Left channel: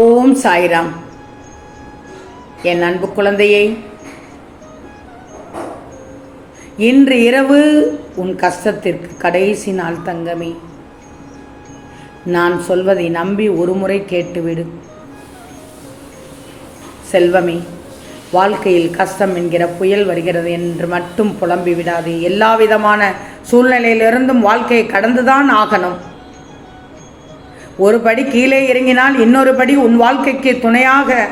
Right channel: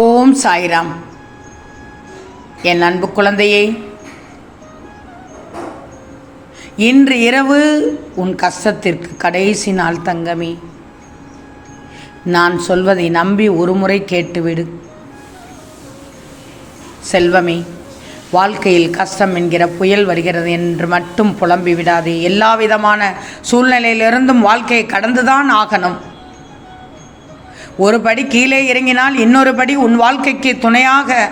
ஓம் சாய்ராம். என் அன்பு குழந்தையே இன்று இரவு உன் கஷ்டத்திற்கு கடைசி நாள் தங்கமே. நான் சொல்வதை நம்பி ஒருமுறை கேட்டுவிடு. செல்வமே வாழ்க்கையில் கஷ்டம் என்கிற புயல் வருகிறது என்று மட்டும் புலம்பி விடாதே எல்லா விதமான சூழ்நிலையிலிருந்தும் வாழ்க்கையை கடந்துதான் ஆகணும். ஒரு படி கீழே இறங்கினால் இன்னொரு படி உன் வாழ்க்கைக்கு துணையாக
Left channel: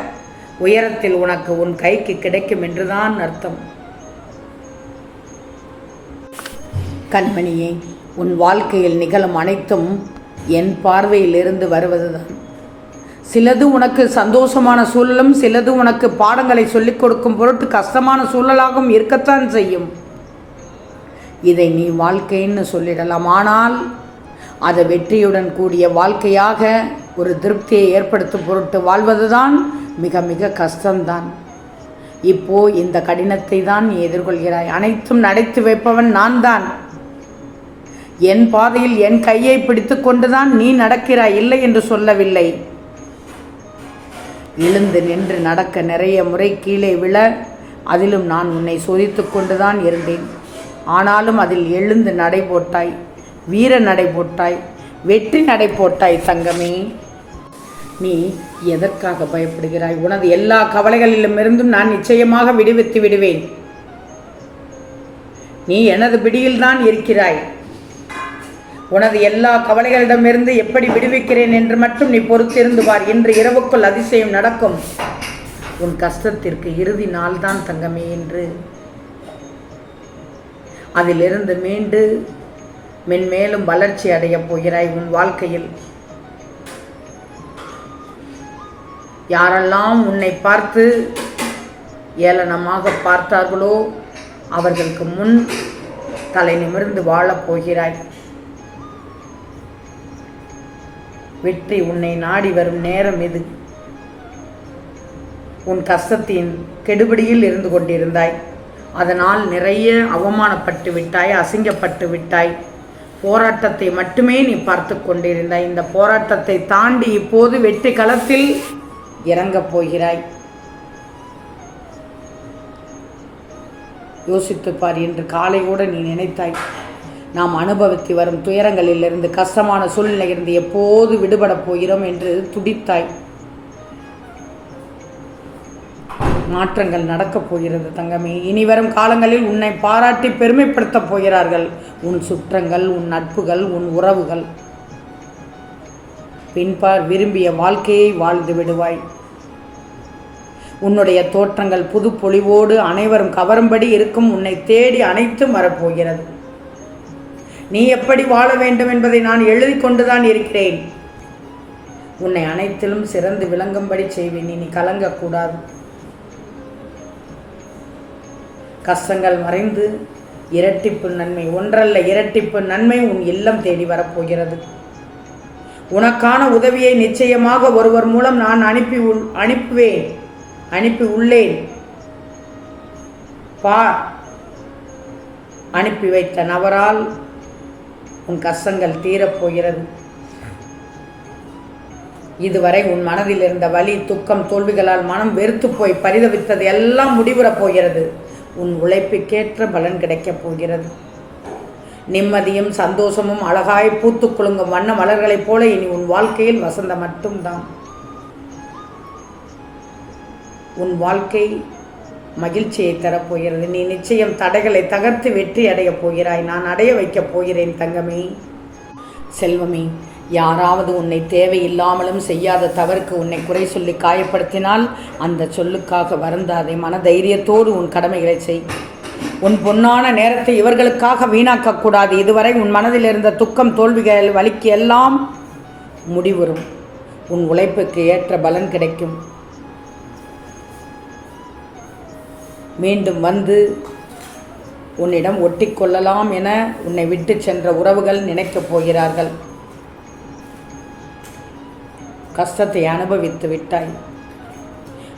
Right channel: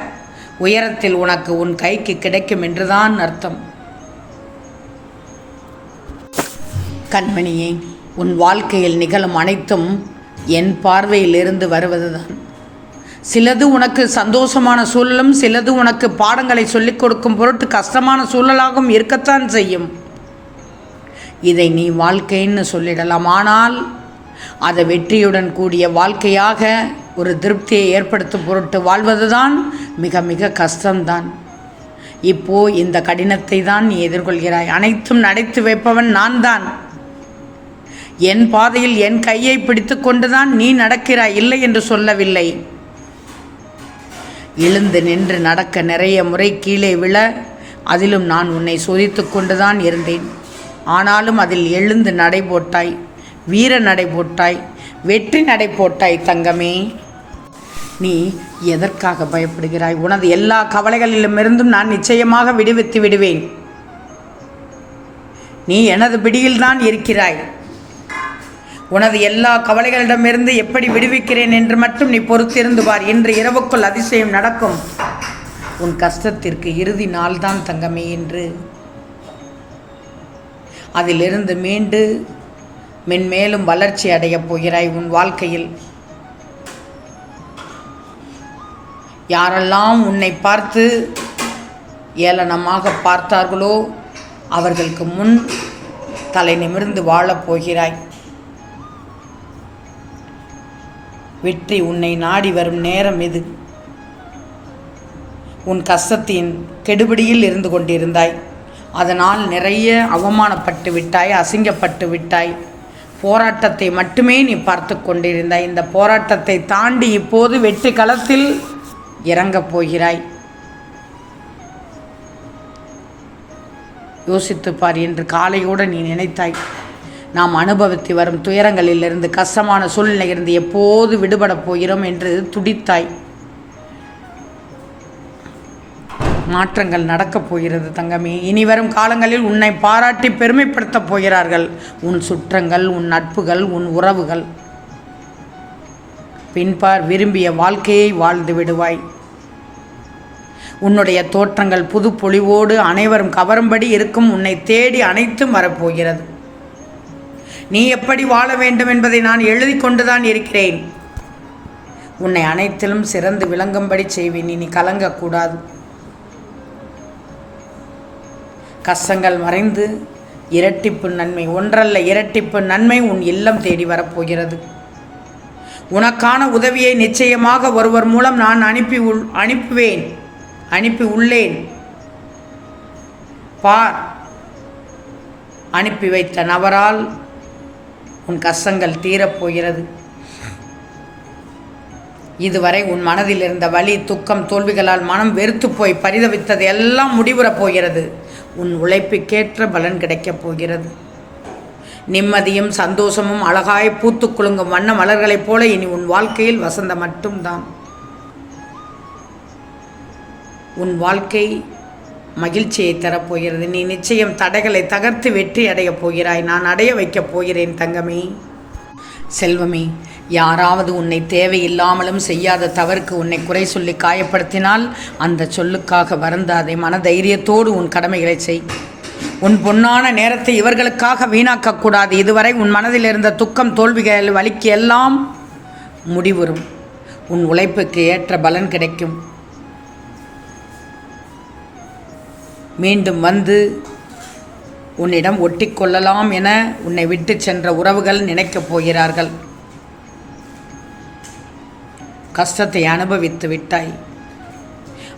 உயரத்தில் உனக்கு உன் கைக்கு கிடைக்கும் என்றுதான் அர்த்தம். கண்மணியே உன் வாழ்க்கையில் நிகழும் அனைத்தும் என் பார்வையிலிருந்து வருவதுதான். சிலது உனக்கு சந்தோஷமான சூழலும் சிலது உனக்கு பாடங்களை சொல்லிக் கொடுக்கும் பொருட்டு கஷ்டமான சூழலாகவும் இருக்கத்தான் செய்யும். இதை நீ வாழ்க்கைன்னு சொல்லிடலாம் ஆனால் அதை வெற்றியுடன் கூடிய வாழ்க்கையாக ஒரு திருப்தியை ஏற்படுத்தும் பொருட்டு வாழ்வதுதான் மிக மிக கஷ்டம்தான். இப்போ இந்த கடினத்தை தான் நீ எதிர்கொள்கிறாய். அனைத்தும் நடைத்து வைப்பவன் நான் தான் என் பாதையில் என் கையை பிடித்து கொண்டுதான் நீ நடக்கிறாய். இல்லை என்று சொல்லவில்லை. எழுந்து நின்று நடக்க நிறைய முறை கீழே விழ அதிலும் நான் உன்னை சோதித்து கொண்டுதான் இருந்தேன். ஆனாலும் அதில் எழுந்து நடை போட்டாய். வீர நடை போட்டாய் வெற்றி நடை போட்டாய் தங்கமே. நீ எதற்காக பயப்படுகிறாய்? உனது எல்லா கவலைகளிலுமிருந்தும் நான் நிச்சயமாக விடுவித்து விடுவேன். நீ எனது பிடியில்தான் இருக்கிறாய். உனது எல்லா கவலைகளிடமிருந்து எப்படி விடுவிக்கிறேன் என்று மட்டும் நீ பொறுத்திருந்து பார். இன்று இரவுக்குள் அதிசயம் நடக்கும். உன் கஷ்டத்திற்கு இறுதி நாள்தான் தங்கமே என்று. அதிலிருந்து மீண்டு மென்மேலும் வளர்ச்சி அடையப் போகிறாய் உன் வாழ்க்கையில். யாரெல்லாம் உன்னை பார்த்து ஏளனமாக பார்த்தார்களோ அவர்களுக்கு முன் தலை நிமிர்ந்து வாழப் போகிறாய். வெற்றி உன்னை நாடி வரும் நேரம் இது. உன் கஷ்டத்தின் கெடுபிடியில் இருந்து கொண்டிருந்தாய். அதனால் நிறைய அவமானப்பட்டு விட்டாய் அசிங்கப்பட்டு விட்டாய். போராட்டத்தை மட்டுமே நீ பார்த்து கொண்டிருந்தாய். இந்த போராட்டத்தை தாண்டி இப்போது வெற்றி களத்தில் இறங்கப் போகிறாய். யோசித்துப்பார் பார் என்று காலையோடு நீ நினைத்தாய். நாம் அனுபவித்து வரும் துயரங்களிலிருந்து கஷ்டமான சூழ்நிலையிலிருந்து எப்போது விடுபடப் போகிறோம் என்று துடித்தாய். மாற்றங்கள் நடக்கப் போகிறது தங்கமே. இனி வரும் காலங்களில் உன்னை பாராட்டி பெருமைப்படுத்தப் போகிறார்கள். உன் சுற்றங்கள் உன் நட்புகள் உன் உறவுகள். பின்பார் விரும்பிய வாழ்க்கையை வாழ்ந்து விடுவாய். உன்னுடைய தோற்றங்கள் புது பொழிவோடு அனைவரும் கவரும்படி இருக்கும் உன்னை தேடி அனைத்தும் வரப்போகிறது நீ எப்படி வாழ வேண்டும் என்பதை நான் எழுதி கொண்டுதான் இருக்கிறேன். உன்னை அனைத்திலும் சிறந்து விளங்கும்படி செய்வேன். இனி கலங்கக்கூடாது கஷ்டங்கள் மறைந்து இரட்டிப்பு நன்மை ஒன்றல்ல இரட்டிப்பு நன்மை உன் இல்லம் தேடி வரப்போகிறது. உனக்கான உதவியை நிச்சயமாக ஒருவர் மூலம் நான் அனுப்பி உள் அனுப்புவேன் அனுப்பி உள்ளேன். பா அனுப்பி வைத்த நபரால் உன் கஷ்டங்கள் தீரப்போகிறது. இதுவரை உன் மனதில் இருந்த வலி துக்கம் தோல்விகளால் மனம் வெறுத்து போய் பரிதவித்தது எல்லாம் முடிவுறப் போகிறது. உன் உழைப்புக்கேற்ற பலன் கிடைக்கப் போகிறது. நிம்மதியும் சந்தோஷமும் அழகாய் பூத்து குலுங்கும் வண்ண மலர்களைப் போல இனி உன் வாழ்க்கையில் வசந்த மட்டும்தான். உன் வாழ்க்கை மகிழ்ச்சியை தரப்போகிறது நீ நிச்சயம் தடைகளை தகர்த்து வெற்றி அடையப் போகிறாய். நான் அடைய வைக்கப் போகிறேன் தங்கமே. செல்வமே யாராவது உன்னை தேவையில்லாமலும் செய்யாத தவறுக்கு உன்னை குறை சொல்லி காயப்படுத்தினால் அந்த சொல்லுக்காக வருந்தாதே மனதைரியத்தோடு உன் கடமைகளை செய். உன் பொன்னான நேரத்தை இவர்களுக்காக வீணாக்கக்கூடாது. இதுவரை உன் மனதில் இருந்த துக்கம் தோல்விகள் வலிக்கு எல்லாம் முடிவுறும். உன் உழைப்புக்கு ஏற்ற பலன் கிடைக்கும். மீண்டும் வந்து உன்னிடம் ஒட்டிக்கொள்ளலாம் என உன்னை விட்டு சென்ற உறவுகள் நினைக்கப் போகிறார்கள். கஷ்டத்தை அனுபவித்து விட்டாய்.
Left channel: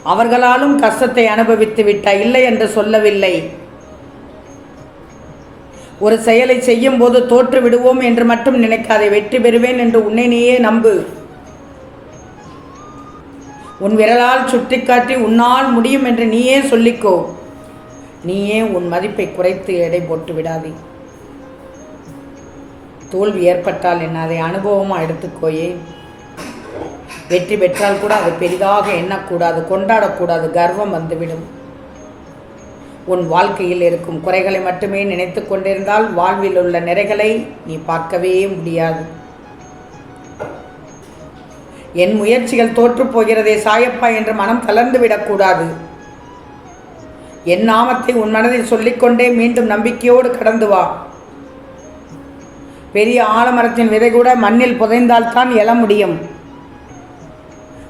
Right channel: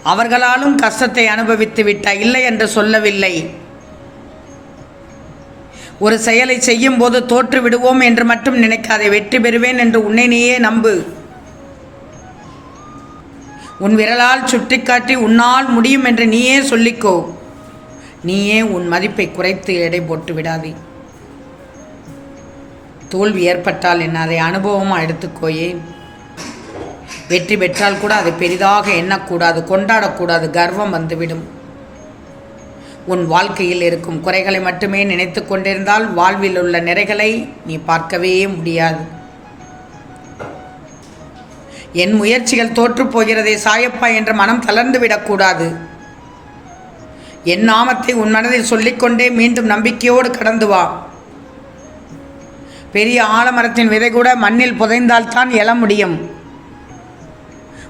அவர்களாலும் கஷ்டத்தை அனுபவித்து விட்டாய். இல்லை என்று சொல்லவில்லை. ஒரு செயலை செய்யும் போது தோற்று விடுவோம் என்று மட்டும் நினைக்காதே. வெற்றி பெறுவேன் என்று உன்னை நீயே நம்பு. உன் விரலால் சுட்டிக்காட்டி உன்னால் முடியும் என்று நீயே சொல்லிக்கோ. நீயே உன் மதிப்பை குறைத்து எடை போட்டு விடாதே. தோல்வி ஏற்பட்டால் என்ன அதை அனுபவமாக எடுத்துக்கோயே வெற்றி பெற்றால் கூட அதை பெரிதாக எண்ணக்கூடாது கொண்டாடக்கூடாது கர்வம் வந்துவிடும். உன் வாழ்க்கையில் இருக்கும் குறைகளை மட்டுமே நினைத்து கொண்டிருந்தால் வாழ்வில் உள்ள நிறைகளை நீ பார்க்கவே முடியாது. என் முயற்சிகள் தோற்றுப் போகிறதே சாயப்பா என்று மனம் தளர்ந்து விடக்கூடாது. என் நாமத்தை உன் மனதில் சொல்லிக்கொண்டே மீண்டும் நம்பிக்கையோடு கடந்து வா. பெரிய ஆலமரத்தின் விதை கூட மண்ணில் புதைந்தால்தான் எழ முடியும்.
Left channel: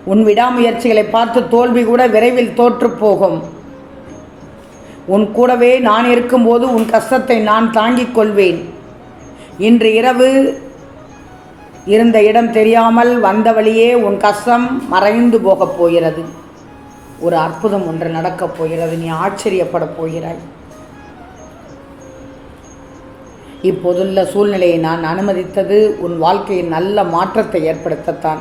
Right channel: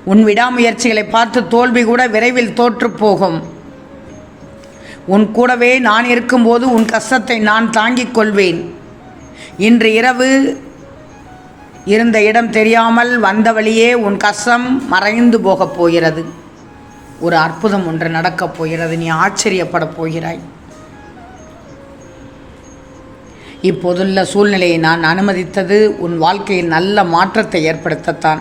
உன் விடாமுயற்சிகளை பார்த்து தோல்வி கூட விரைவில் தோற்றுப் போகும். உன் கூடவே நான் இருக்கும்போது உன் கஷ்டத்தை நான் தாங்கிக் கொள்வேன். இன்று இரவு இருந்த இடம் தெரியாமல் வந்த வழியே உன் கஷ்டம் மறைந்து போகப் போகிறது. ஒரு அற்புதம் ஒன்று நடக்கப் போகிறது. நீ ஆச்சரியப்படப் போகிறாய். இப்போதுள்ள சூழ்நிலையை நான் அனுமதித்தது உன் வாழ்க்கையில் நல்ல மாற்றத்தை ஏற்படுத்தத்தான்.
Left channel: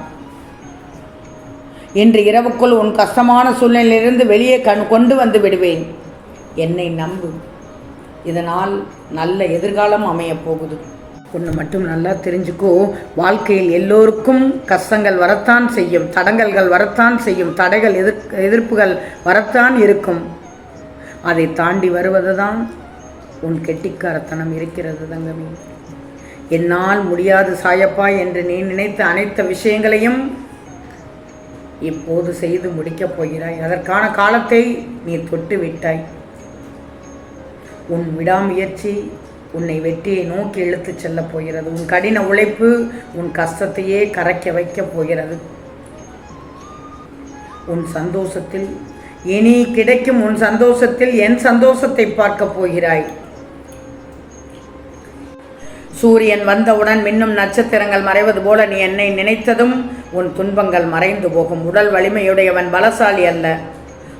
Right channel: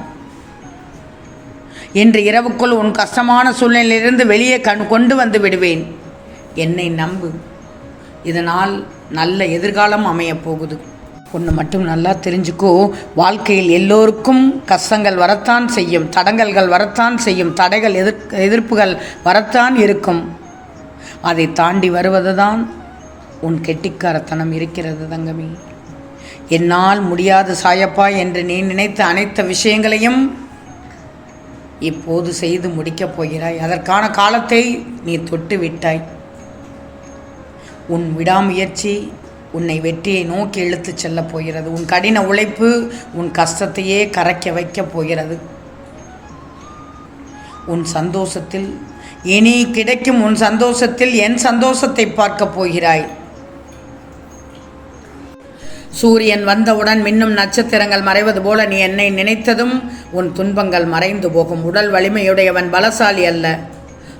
இன்று இரவுக்குள் உன் கஷ்டமான சூழ்நிலையிலிருந்து வெளியே கண் கொண்டு வந்து விடுவேன். என்னை நம்பு. இதனால் நல்ல எதிர்காலம் அமையப் போகுது. ஒன்று மட்டும் நல்லா தெரிஞ்சுக்கோ. வாழ்க்கையில் எல்லோருக்கும் கஷ்டங்கள் வரத்தான் செய்யும். தடங்கல்கள் வரத்தான் செய்யும். தடைகள் எதிர் எதிர்ப்புகள் வரத்தான் இருக்கும். அதை தாண்டி வருவது தான் உன் கெட்டிக்காரத்தனம் இருக்கிறது தங்கமி. என்னால் முடியாது சாயப்பா என்று நீ நினைத்த அனைத்து விஷயங்களையும் இப்போது செய்து முடிக்கப் போகிறாய். அதற்கான காலத்தை நீ தொட்டு விட்டாய் உன் விடாமுயற்சி உன்னை வெற்றியை நோக்கி இழுத்துச் செல்லப் போகிறது. உன் கடின உழைப்பு உன் கஷ்டத்தையே கரைக்க வைக்கப் போகிறது. உன் சந்தோஷத்தில் இனி கிடைக்கும் உன் சந்தோஷத்தில் என் சந்தோஷத்தை பார்க்கப் போகிறாய். சூரியன் வந்தவுடன் மின்னும் நட்சத்திரங்கள் மறைவது போல நீ என்னை நினைத்ததும் உன் துன்பங்கள் மறைந்து போகும். உடல் வலிமையுடையவன் பலசாலி அல்ல.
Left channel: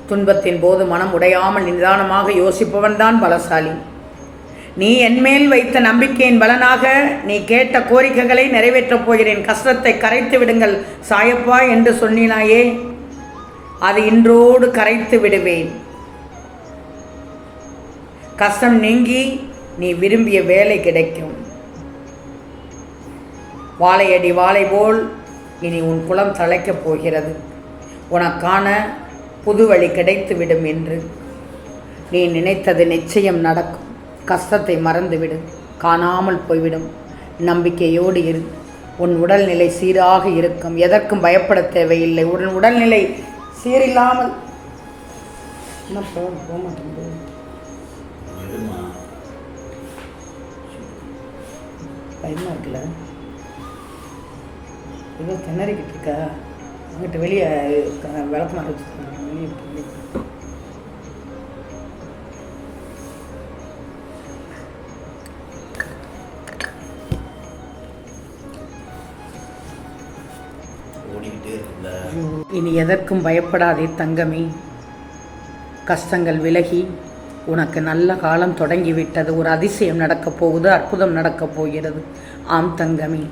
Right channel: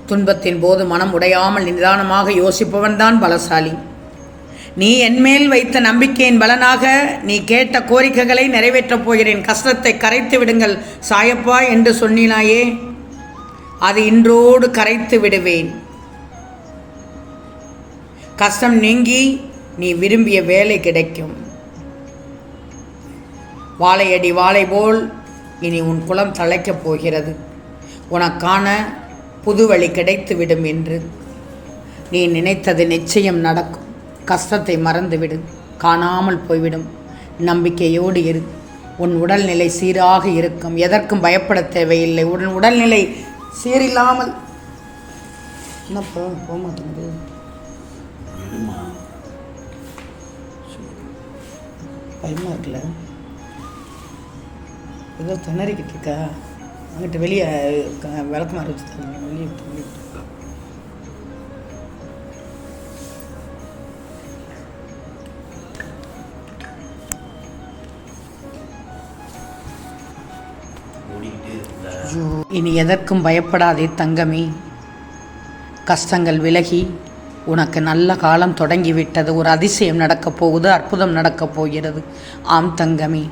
துன்பத்தின் போது மனம் உடையாமல் நிதானமாக யோசிப்பவன் தான் பலசாலி. நீ என்மேல் வைத்த நம்பிக்கையின் பலனாக நீ கேட்ட கோரிக்கைகளை நிறைவேற்றப் போகிறேன். கஷ்டத்தை கரைத்து விடுங்கள். சாயப்பா என்று சொன்னினாயே அது இன்றோடு கரைத்து விடுவேன். கஷ்டம் நீங்கி நீ விரும்பிய வேலை கிடைக்கும். வாழையடி வாழை போல் இனி உன் குலம் தழைக்கப் போகிறது. உனக்கான புது வழி கிடைத்துவிடும் என்று. நீ நினைத்தது நிச்சயம் நடக்கும். கஷ்டத்தை மறந்துவிடு. காணாமல் போய்விடும். நம்பிக்கையோடு இரு. உன் உடல்நிலை சீராக இருக்கும். எதற்கும் பயப்பட தேவையில்லை. உன் உடல்நிலை சீரில்லாமல் போக போக மாட்டேங்குது பயமாக இருக்குல்ல? ஏதோ திணறிக்கிட்டு இருக்கா. அங்கிட்ட வெளியே விளக்கமாக வச்சு வெளியே இனி எதற்கும் பயப்படாதே தங்கமே. கஷ்டங்கள் விலகி உனக்கு நல்ல காலம் தொடங்கிவிட்டது. ஒரு அதிசயம் நடக்கப் போகுது அற்புதம் நடக்கப் போகிறது. ஆம் தங்கமே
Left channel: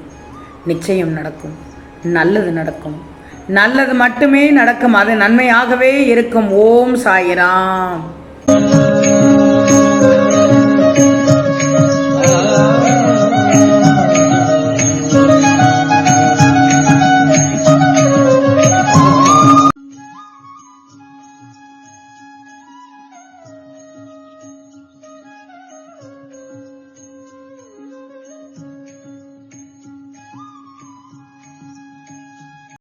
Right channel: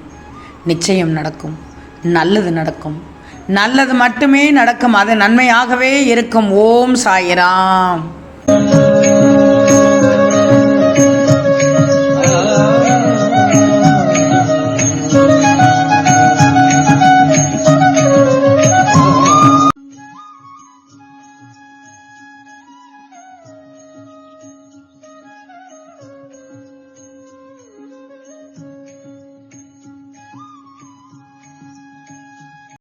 நிச்சயம் நடக்கும். நல்லது நடக்கும். நல்லது மட்டுமே நடக்கும். அது நன்மையாகவே இருக்கும். ஓம் சாயிராம்.